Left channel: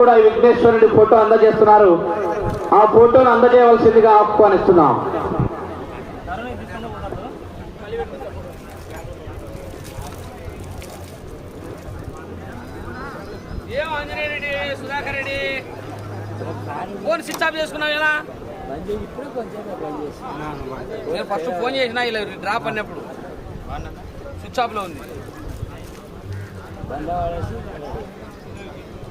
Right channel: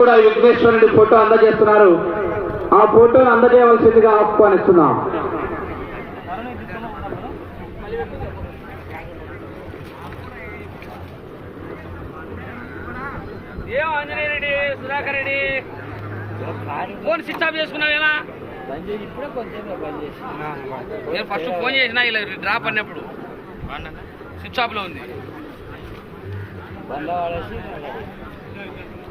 కూడా విఘ్నేశ్వరుడి ఫోటో అందజేస్తున్నారు. ఆ ఫోటోను అందజేయవలసిందిగా ఆహ్వానిస్తున్నాం. ఏం Sudhakar Reddy? Phone switch off చేసుకున్నావు ఎలా? నేను ఫస్ట్ ఫోన్ చేసిన ఇలా డ్రాప్ అన్నప్పుడు. స్విచ్ ఆఫ్లో ఉంది.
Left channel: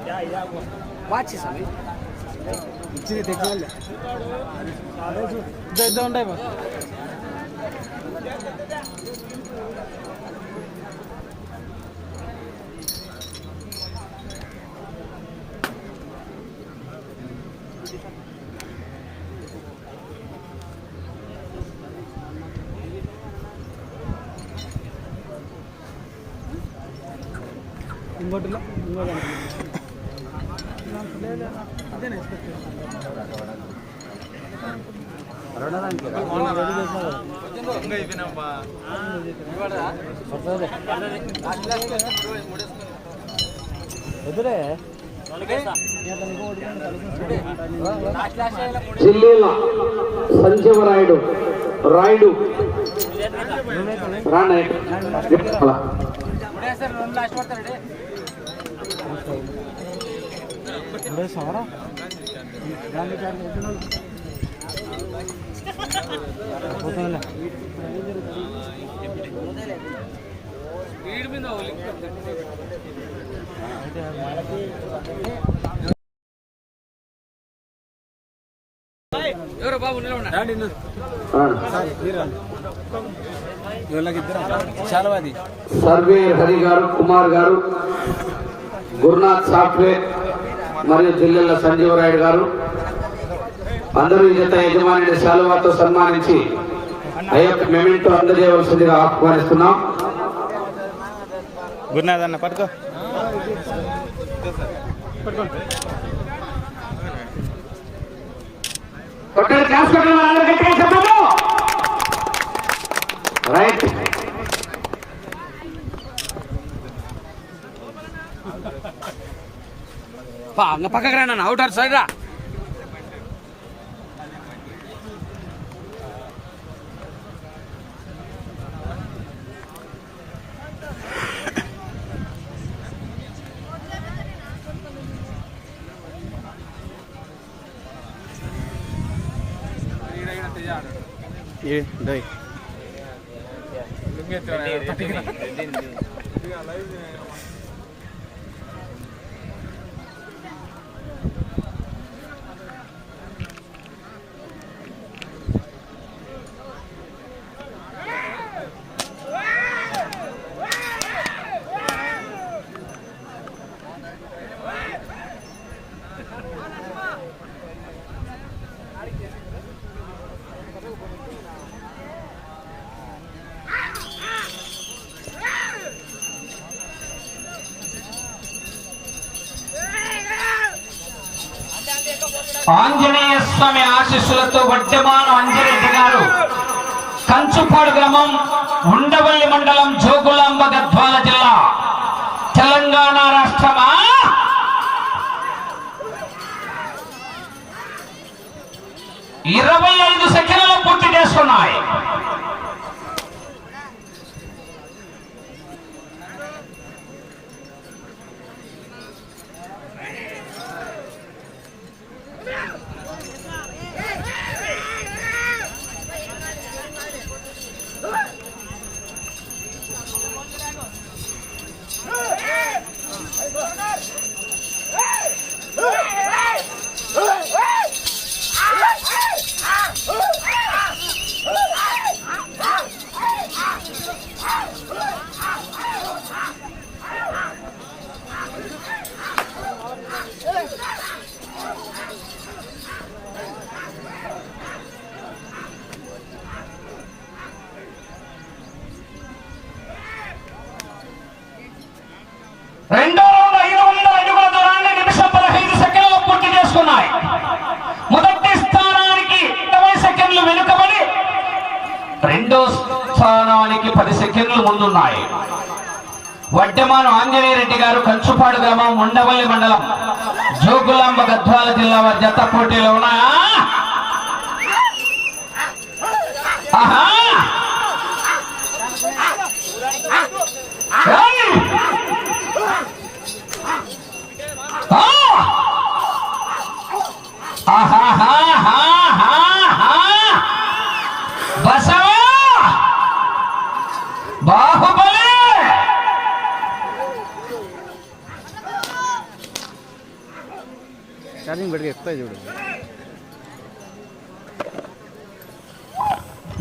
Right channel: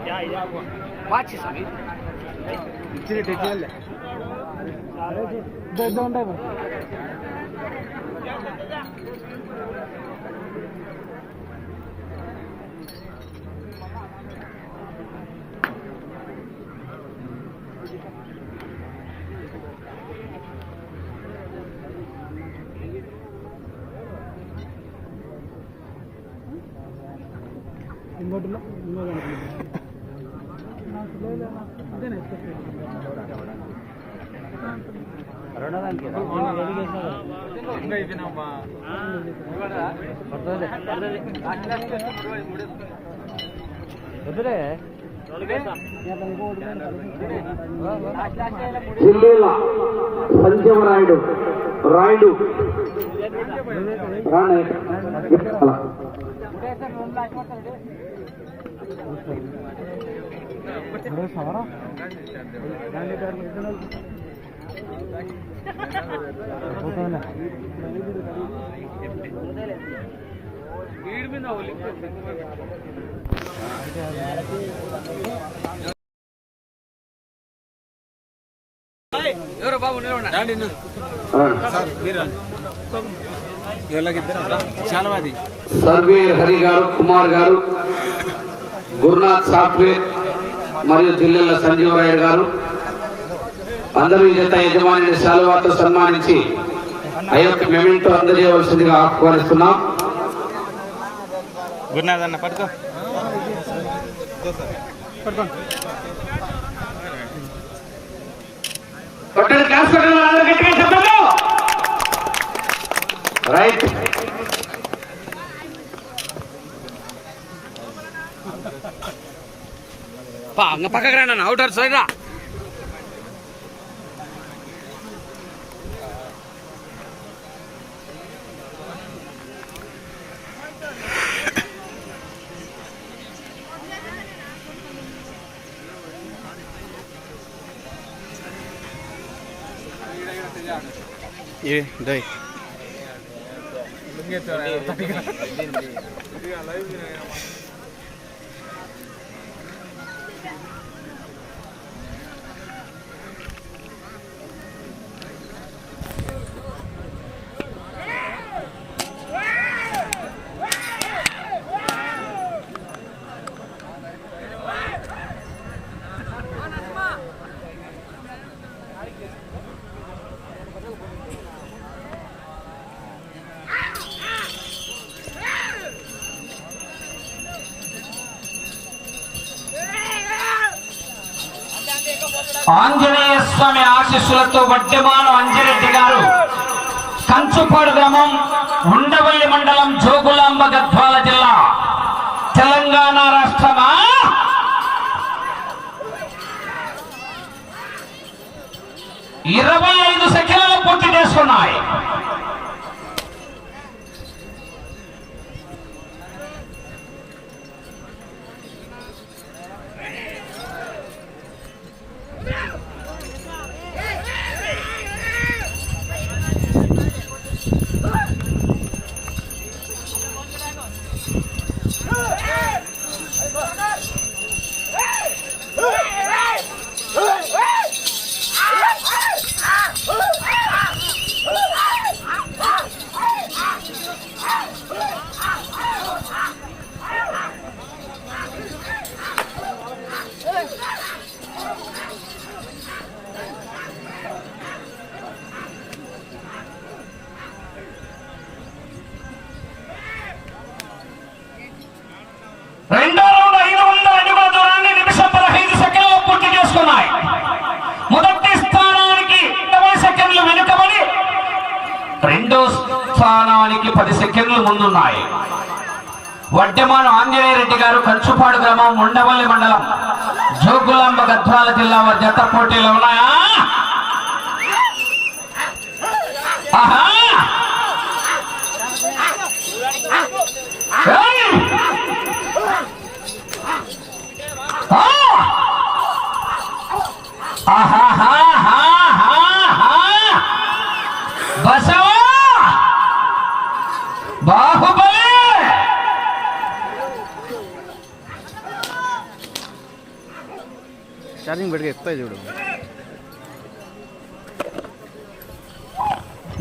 కదా అదే వాచ్ ఇట్లే పోయి వాచ్ స్వామి ఇంకోటిలో ఇంకోటి వద్దులే జిల్లేల సంజీవరాయుడు రాయుడు. రాణయ్య. సమరా పోతుందిలే. ఎవరు బాబు నిలబడి చాలా అది సర్వేర్ హరి గారు కుమార్ గారు గురునాథ్ సాఫ్ట్వేర్ మరియు జిల్లేల సంజీవరాయుడు గారు. అందరూ ఈ జత యజమానిని శాలువాతో సన్మానించి ఆ యొక్క మెమెంటో అందజేయవలసిందిగా ఆహ్వానిస్తున్నాం. గురునాథ్ అన్న చెప్పండి రైట్. பா அங்க பக்கக்குறேன் நான் அவுட்டர் சைடா ये दही ये तो ఆంజనేయ స్వామి ఆశీస్సులతో వడ్డెమాన అంజిరెడ్డి గారు కంచుపాడు గ్రామం ఉండవల్లి మండలం జోగులాంబ గద్వాల జిల్లా. తెలంగాణ రాష్ట్రమా? ఇరవై ఐదు సెకండ్లు పూర్తి చేసుకున్నాయి. Shoot! వడ్డెమాను ఆంజనేయ రెడ్డి గారు కంచుపాడు గ్రామం ఉండవల్లి మండలం జోగులాంబ గద్వాల జిల్లా వారి జత పోటీలో ఉన్నాయా? ఆహా! ఛార్జింగ్ పెట్టుకు ఎక్కుతాయి చూడు.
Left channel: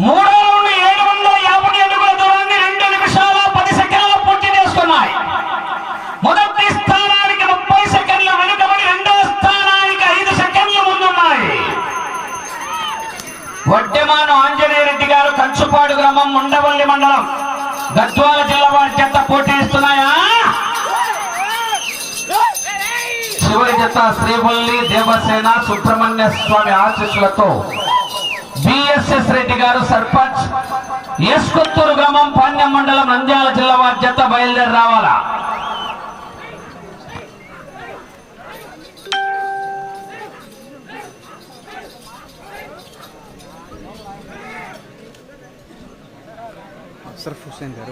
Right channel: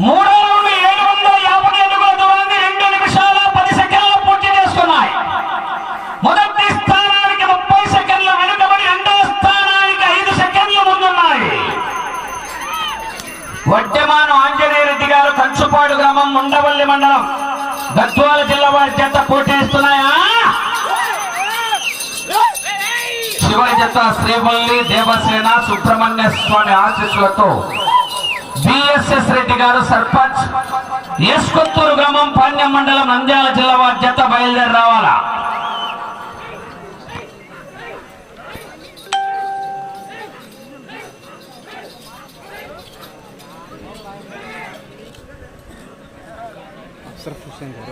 మూడో నుండి ఏడు వందల యాభై అడుగుల దూరాన్ని రెండు నిమిషాల పది సెకండ్లు పూర్తి చేసుకున్నాయి. మొదటి స్థానానికి ముప్పై సెకండ్లు వెనుకబడి రెండవ స్థానానికి ఐదు సెకండ్లు ముందున్నాయి. వడ్డెమాను ఆంజనేయ రెడ్డి గారు కంచుపాడు గ్రామం ఉండవల్లి మండలం. గద్వాల జిల్లా వారి చేత పోటీస్తున్నాయా జత శ్రీవల్లి దేవసేన సుబ్రహ్మణ్య స్వామి ఆశీస్సులతో బిఎస్ఎస్ రెడ్డి గారు సర్పంచ్. ఎస్కొత్తూరు గ్రామం పాండ్యం మండలం నంద్యాల జిల్లా వారి జత బయలుదేరి రావాలా?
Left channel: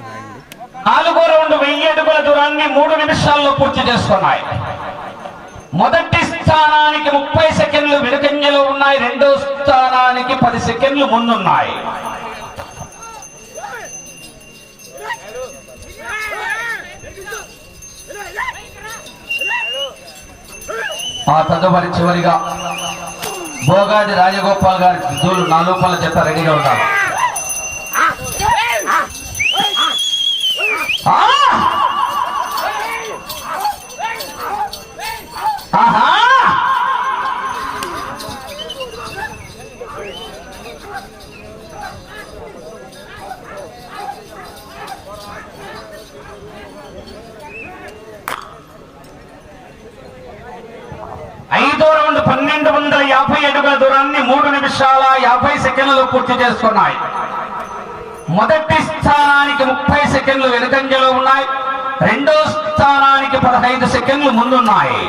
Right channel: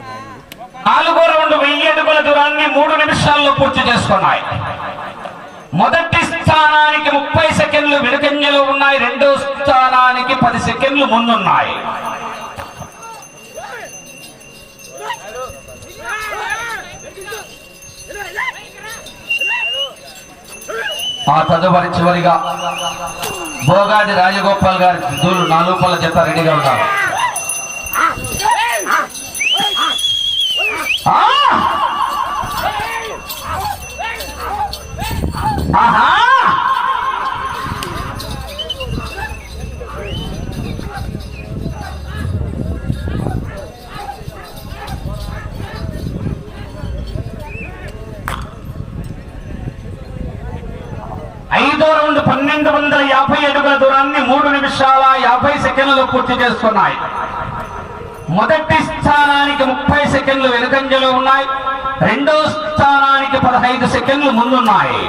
గారు నాలుగో రౌండ్ వెయ్యి అడుగుల దూరాన్ని మూడు నిమిషాల్లో పూర్తి చేసుకున్నాయి. మొదటి స్థానానికి ముప్పై సెకండ్లు వెనుకంజలో ఉన్నాయి. రెండో స్థానానికి పది సెకండ్లు ముందున్నాయి. ఆ తదుపరి చివరిగా భోగాది రాజగోపాల్ గారి దూలు నాలుగు జత రెడీగా ఉంటారు ఆ! ఆహా! ఐదో రౌండ్ పన్నెండు వందల యాభై అడుగుల దూరాన్ని మూడు నిమిషాల యాభై సెకండ్లు పూర్తి చేస్తున్నాయి మొదటి స్థానానికి ముప్పై సెకండ్లు వెనుకంజలో ఉన్నాయి రెండో స్థానానికి పదహైదు సెకండ్లు ముందున్నాయి.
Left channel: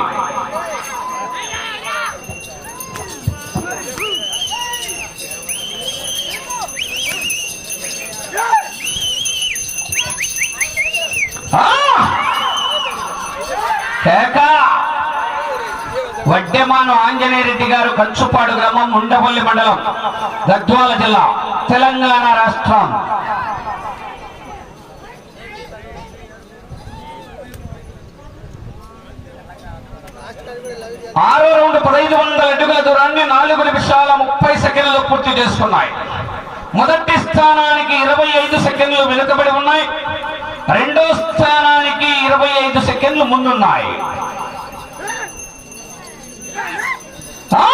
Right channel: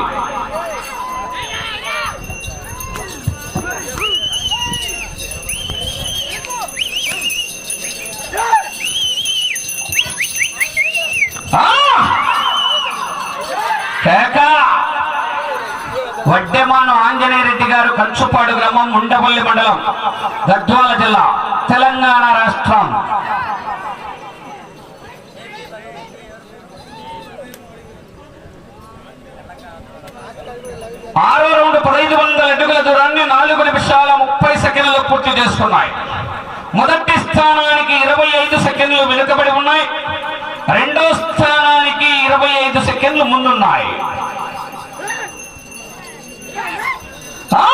వడ్డెమాను ఆంజనేయ రెడ్డి గారు కంచుపాడు గ్రామం ఉండవల్లి మండలం గద్వాల జిల్లా తెలంగాణ రాష్ట్రం. ఆరో రౌండ్ పదహైదు వందల అడుగుల దూరాన్ని నాలుగు నిమిషాల ముప్పై సెకండ్లు పూర్తి చేసుకున్నాయి. మొదటి స్థానానికి ఇరవై ఐదు సెకండ్లు వెనుకబడి ఉన్నాయి. రెండో స్థానానికి ఇరవై ఐదు సెకండ్లు ముందున్నాయి. ఆ!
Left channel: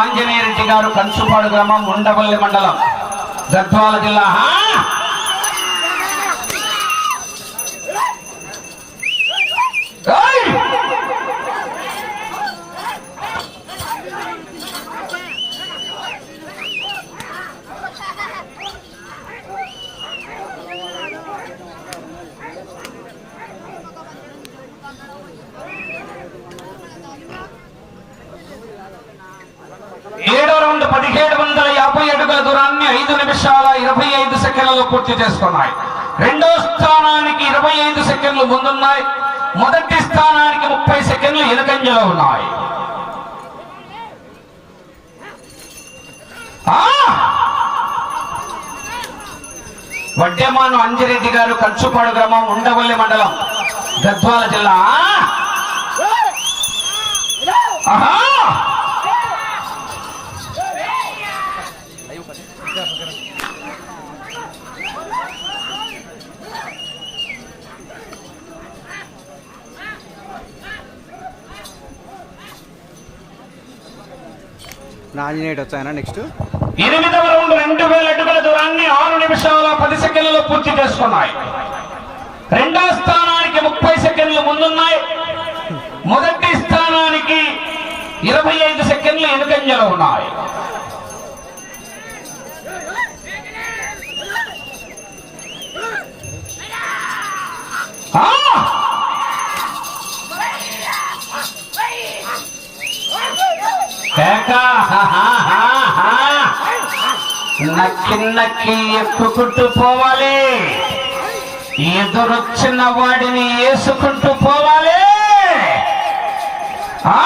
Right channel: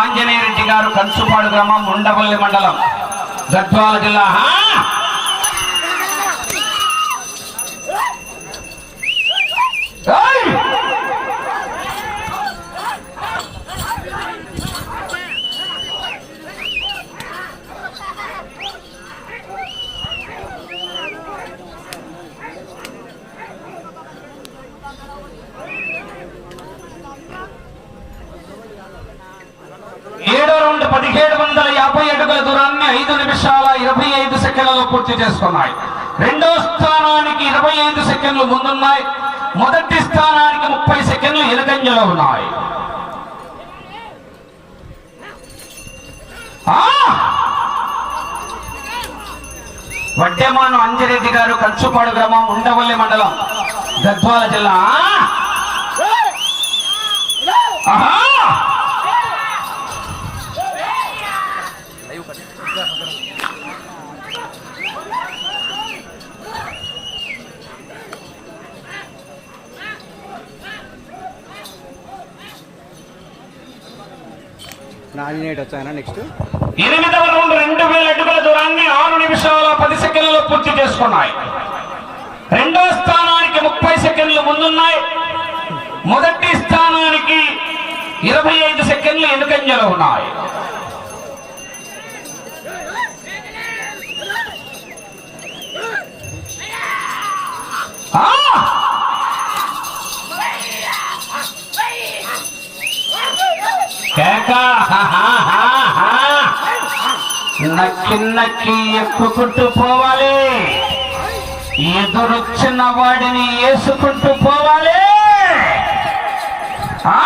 ఆంజనేయ రెడ్డి గారు కంచుపాడు గ్రామం ఉండవల్లి మండలం గద్వాల జిల్లా. ఐదు నిమిషాల ఇరవై ఐదు సెకండ్లలో పూర్తి చేసుకున్నాయి. రెండో స్థానానికి ఇరవై ఐదు సెకండ్లు ముందున్నాయి. మొదటి స్థానానికి ముప్పై సెకండ్లు ఎనకంజలో ఉన్నాయి. ఆ! వడ్డెమాను అంజిరెడ్డి గారు కంచుపాడు గ్రామం ఉండవల్లి మండలం గద్వాల జిల్లా. ఆహా! నామినేట్ ఆంజనేయుడు నెక్స్ట్? ఎనిమిదవ రౌండ్ రెండు వేల అడుగుల దూరాన్ని ఆరు నిమిషాల పది సెకండ్లలో పూర్తి చేసుకున్నాయి. రెండో స్థానానికి ముప్పై సెకండ్లు ముందున్నాయి. మొదటి స్థానానికి ఇరవై ఐదు సెకండ్లు ఎనుకంజలో ఉన్నాయి. నక్కి నక్కి ఎక్కుకుంటూ పోవాలి ఎదురొచ్చిన వాడిని వేసుకుంటూ పోవాలి ఆ!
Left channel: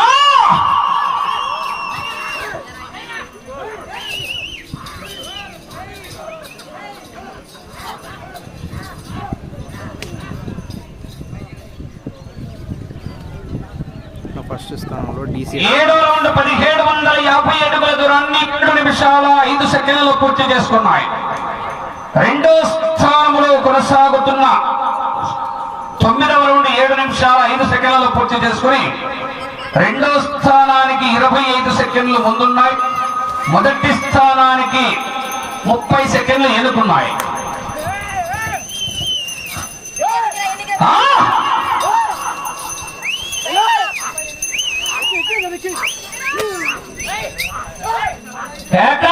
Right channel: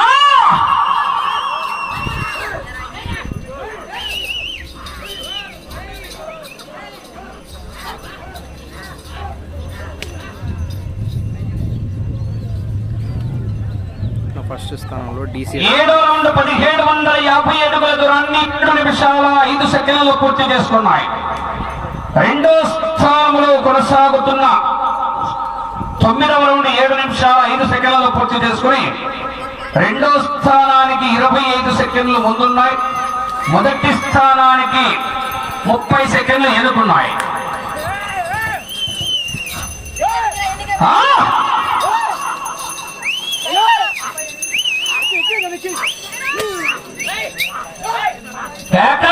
ఫస్ట్ స్థానంలో డీసీ ఏడో రౌండ్ పదిహేడు వందల యాభై అడుగుల దూరాన్ని ఏడు నిమిషాల ఐదు సెకండ్లలో పూర్తి చేసుకున్నాయి. రెండో స్థానంలో కొనసాగుతున్న తొమ్మిదవ రౌండ్ ఏడు నిమిషాల ఐదు సెకండ్లలో పూర్తి చేసుకుని రెండో స్థానానికి ఇరవై ఐదు సెకండ్లు ముందున్నాయి. మొదటి స్థానానికి ముప్పై సెకండ్లు ఎదుర్కొన్నాయి ఆ! కేక!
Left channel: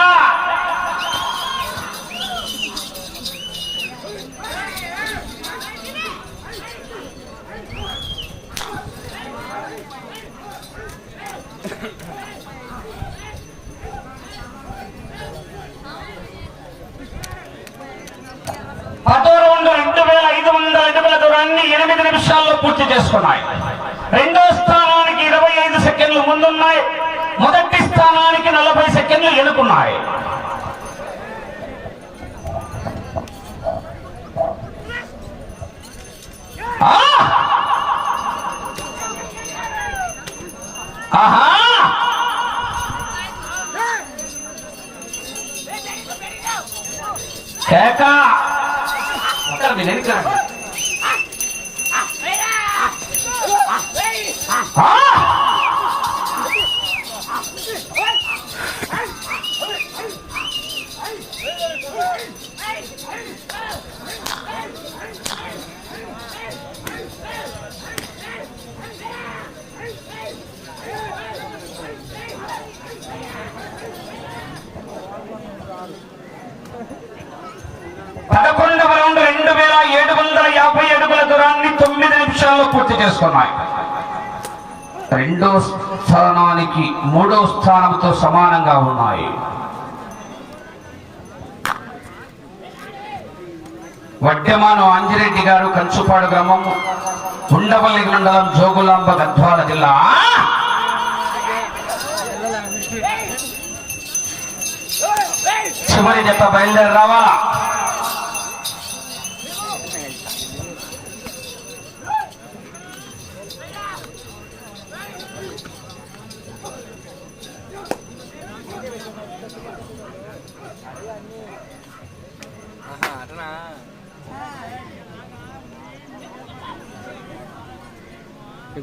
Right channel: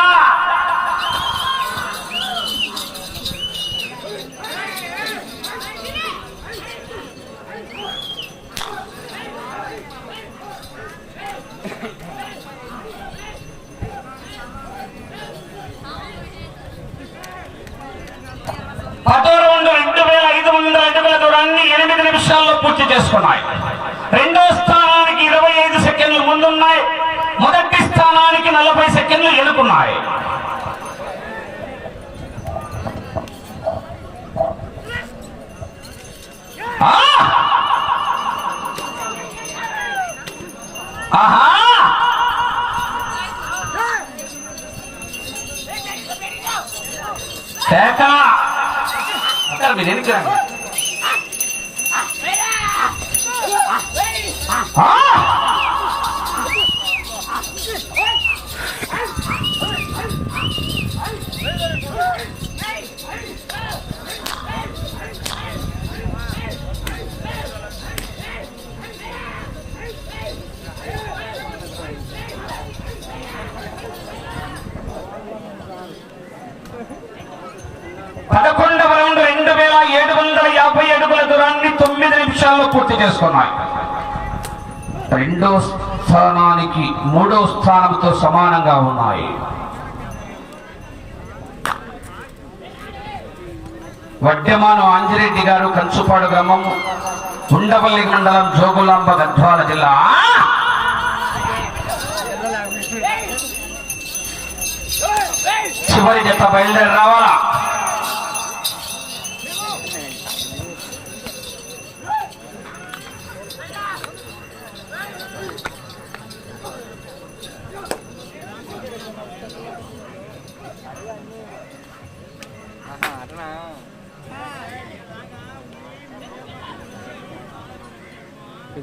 పదో రెండు వేల ఐదు వందల అడుగుల దూరాన్ని ఎనిమిది నిమిషాల్లో పూర్తి చేసుకున్నాయి రెండో స్థానం சேகா அப்படி நினைக்கிறாங்க Hey! పదకొండవ రౌండ్ రెండు వేల ఏడు వందల యాభై అడుగుల దూరాన్ని తొమ్మిది నిమిషాల్లో పూర్తి చేసుకున్నాయి. రెండో స్థానానికి మూడో స్థానంతో సమానంగా ఉన్నాయి. వడ్డెమాను ఆంజిరెడ్డి గారు కంచుపాడు గ్రామం ఉండవల్లి మండలం జోగులాంబ గద్వాల జిల్లా. చివరి జత బయలుదేరి రావాలా?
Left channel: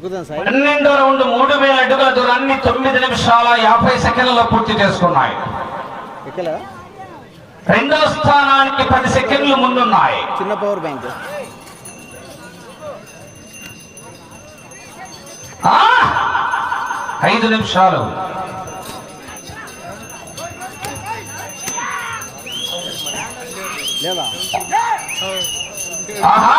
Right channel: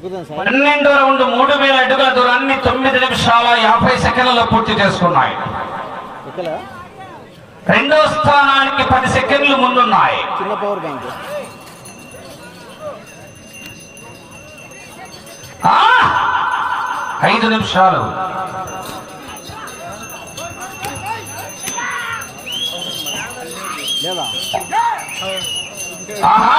పన్నెండో రౌండ్ మూడు వేల అడుగుల దూరాన్ని తొమ్మిది నిమిషాల యాభై సెకండ్లలో పూర్తి చేసుకున్నాయి. రెండో స్థానానికి పది సెకండ్లు ముందున్నాయి. చిన్న పవర్ బ్యాంక్! ఐదు నిమిషాలు. లేదా? ఆహా!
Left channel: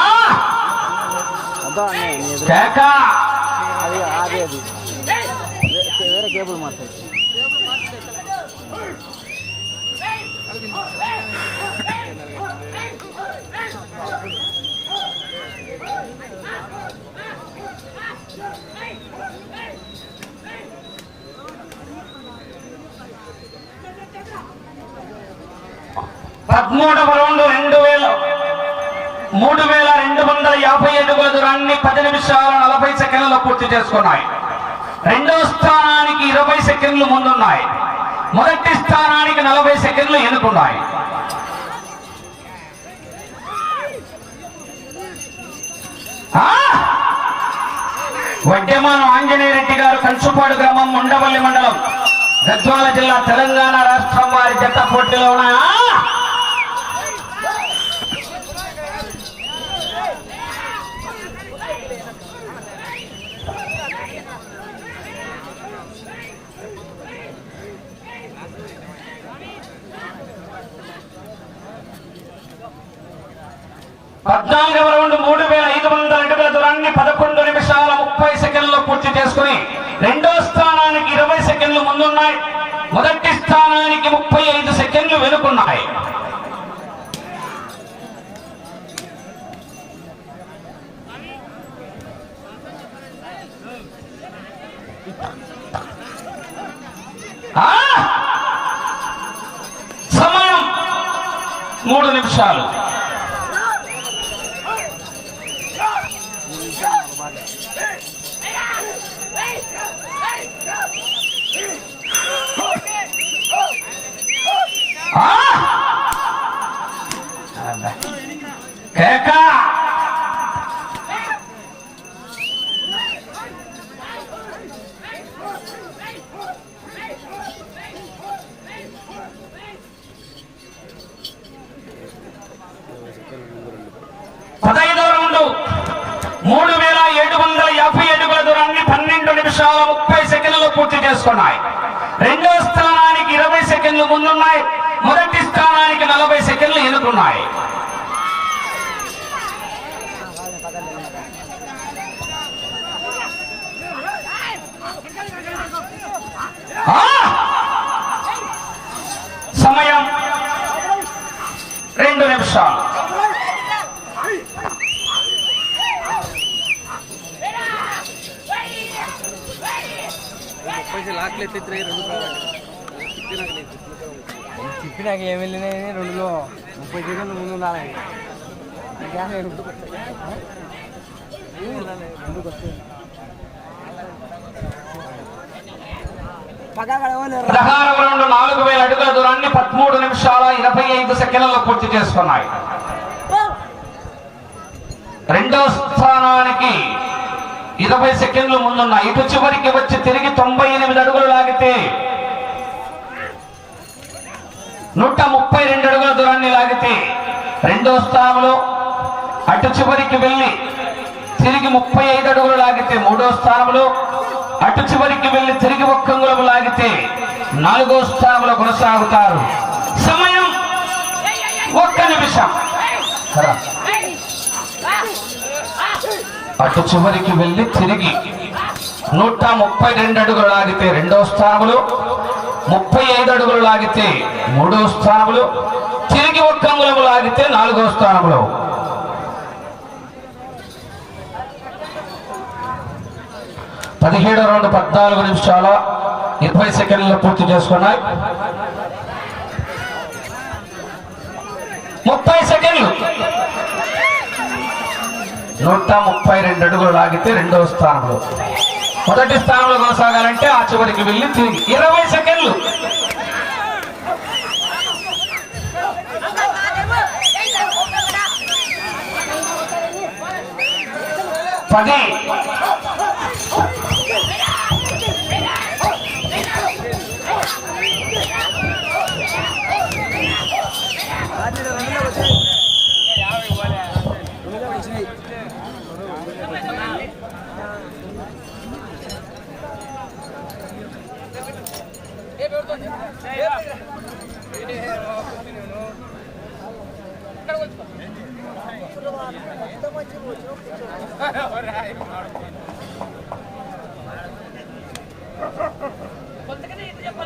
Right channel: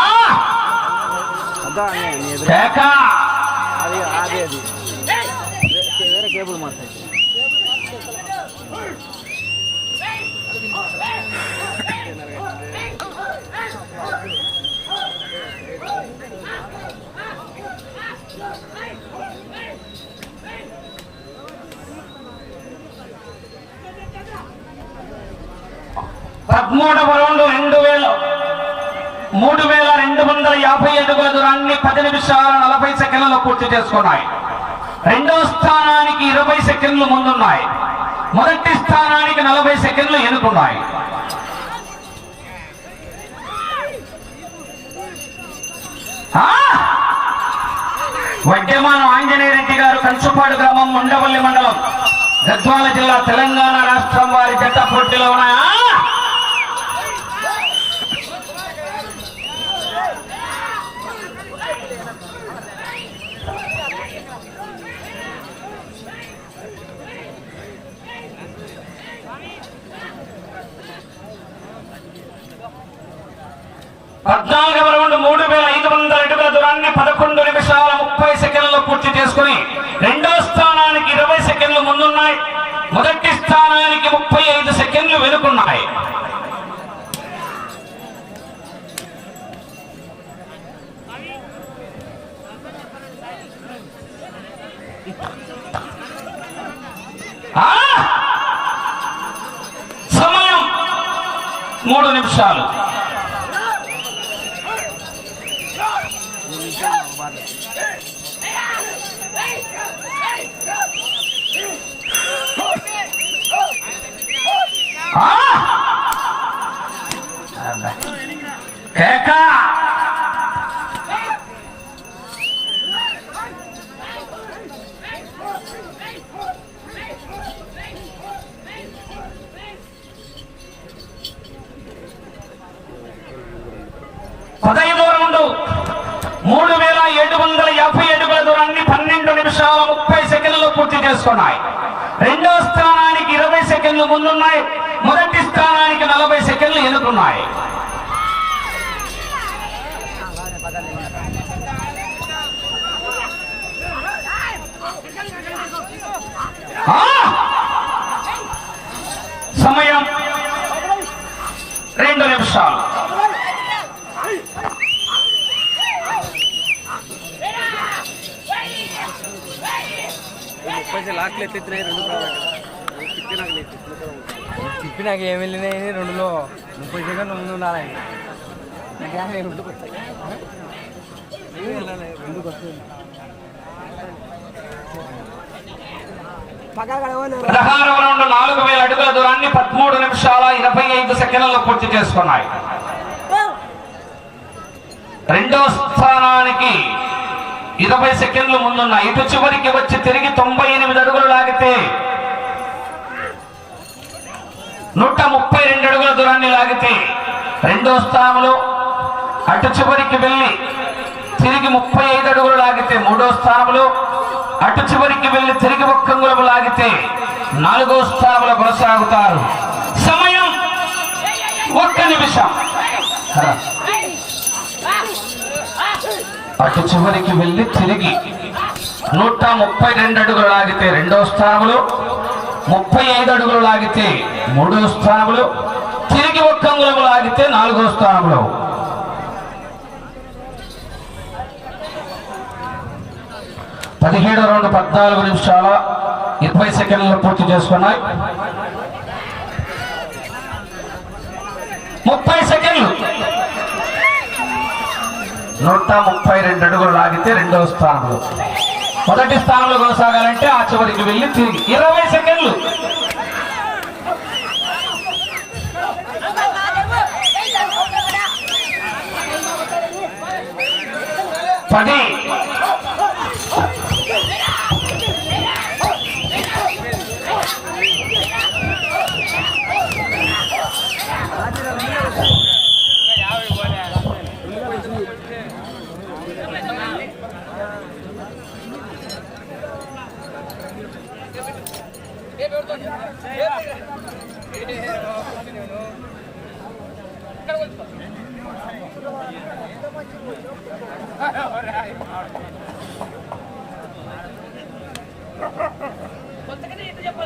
అది అది అది వే- వేరే కేబుల్ మార్చాలి పదమూడవ రౌండ్ రెండు వేల మూడు వేల రెండు వందల యాభై అడుగుల దూరాన్ని పది నిమిషాల నలభై సెకండ్లలో పూర్తి చేసుకున్నాయి. రెండో స్థానానికి ఇరవై సెకండ్లు ముందున్నాయి. మొదటి స్థానానికి నలభై సెకండ్లు ఎన్నుకున్నాయి. ఆ! ఆంజనేయ రెడ్డి గారు కంచుపాడు గ్రామం ఉండవల్లి మండలం. గద్వాల జిల్లా తెలంగాణ రాష్ట్రం వారి జట్ట పోటీలో ఉన్నాయా? మూడు సెకండ్లు ముందున్నాయి. మొదటి స్థానానికి నలభై సెకండ్లు ఎన్నుకున్నాయి సమయం రెండు నిమిషాలు. లాక్లు ఎత్తినాయి చిక్కు నాకు ఏమి వెళ్ళినాయి రెండులో ముప్పై కిలో రెండు ఉండాలి. ఇంకా నేను రెండు నాలుగు వేల అడుగుల దూరాన్ని పదమూడు నిమిషాల ఇరవై ఐదు సెకండ్లలో పూర్తి చేసుకున్నాయి. రెండో స్థానానికి ఇరవై సెకండ్లు ముందున్నాయి. ఇటు చివరికి వచ్చి తిరిగి తొంభై ఎనిమిది అడుగులు లాగితే నూట ముప్పై రెండు అడుగుల దూరాన్ని లాగితే రెండో స్థానంలో అటు చివరికి వెళ్ళి తిరిగి ముప్పై ఐదు అడుగులు లాగితే మూడో స్థానంలో అటు చివరికి వెళ్ళి తిరిగి ఒక్క లాగితే నాలుగో స్థానంలో కొనసాగుతారు. సమయం ఒక్క నిమిషం. అటు చివరికి వెళ్ళి తిరిగి నూట ముప్పై రెండు అడుగులు లాగితే రెండో స్థానంలో ముప్పై ఐదు అడుగులు లాగితే మూడో స్థానంలో తిరిగి ఒక్క అంగుళం లాగితే నాలుగో స్థానంలో పదిహేడు రెండు పద్నాలుగు నిమిషాల ఇరవై సెకండ్లు పూర్తి చేసుకున్నాయి. ముప్పై సెకండ్లు. నూట ముప్పై రెండు అడుగులు లాగితే రెండవ స్థానంలో మొదటి స్థానంలో కొనసాగాలంటే ఆ చివరికి వెళ్ళి తిరిగి. ఇరవై సెకండ్లు. పది.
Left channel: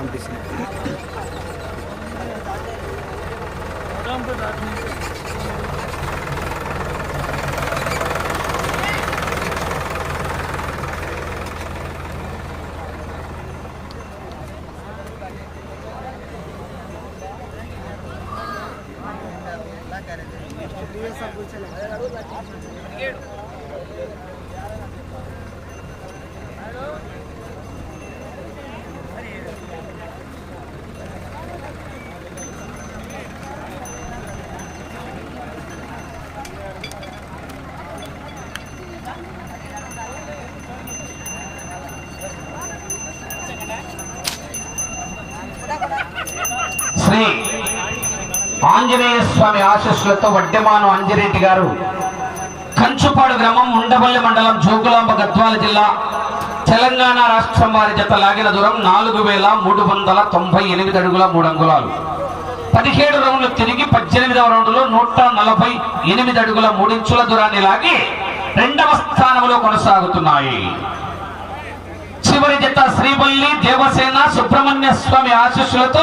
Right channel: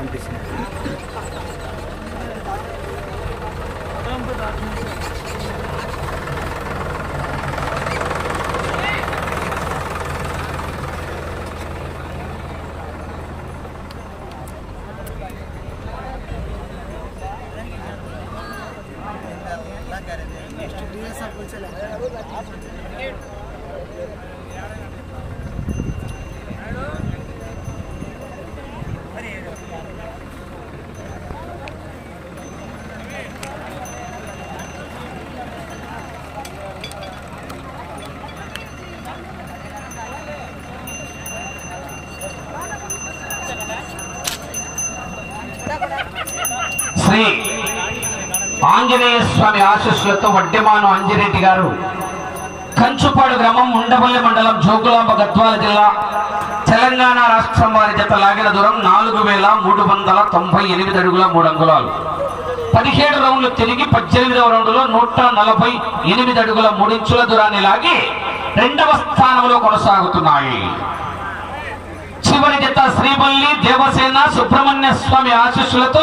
అనిపిస్తుంది శ్రీ ఆంజనేయ స్వామి ఆశీస్సులతో వడ్డెమాను అంజిరెడ్డి గారు కంచుపాడు గ్రామం ఉండవల్లి మండలం జోగులాంబ గద్వాల జిల్లా తెలంగాణ రాష్ట్రం వారి జత లాగిన దూరం నాలుగు వేల మూడు వందల తొంభై ఎనిమిది అడుగుల మూడు అంగుళాలు. పదిహేడు రౌండ్లు తిరిగి పద్దెనిమిదవ రౌండ్లో నూట నలభై ఎనిమిది అడుగుల మూడించుల దూరాన్ని లాగి రెండవ స్థానంలో కొనసాగుతున్నాయి. చివరి జత శ్రీపల్లి దేవసేన సుబ్రహ్మణ్య స్వామి ఆశీస్సులతో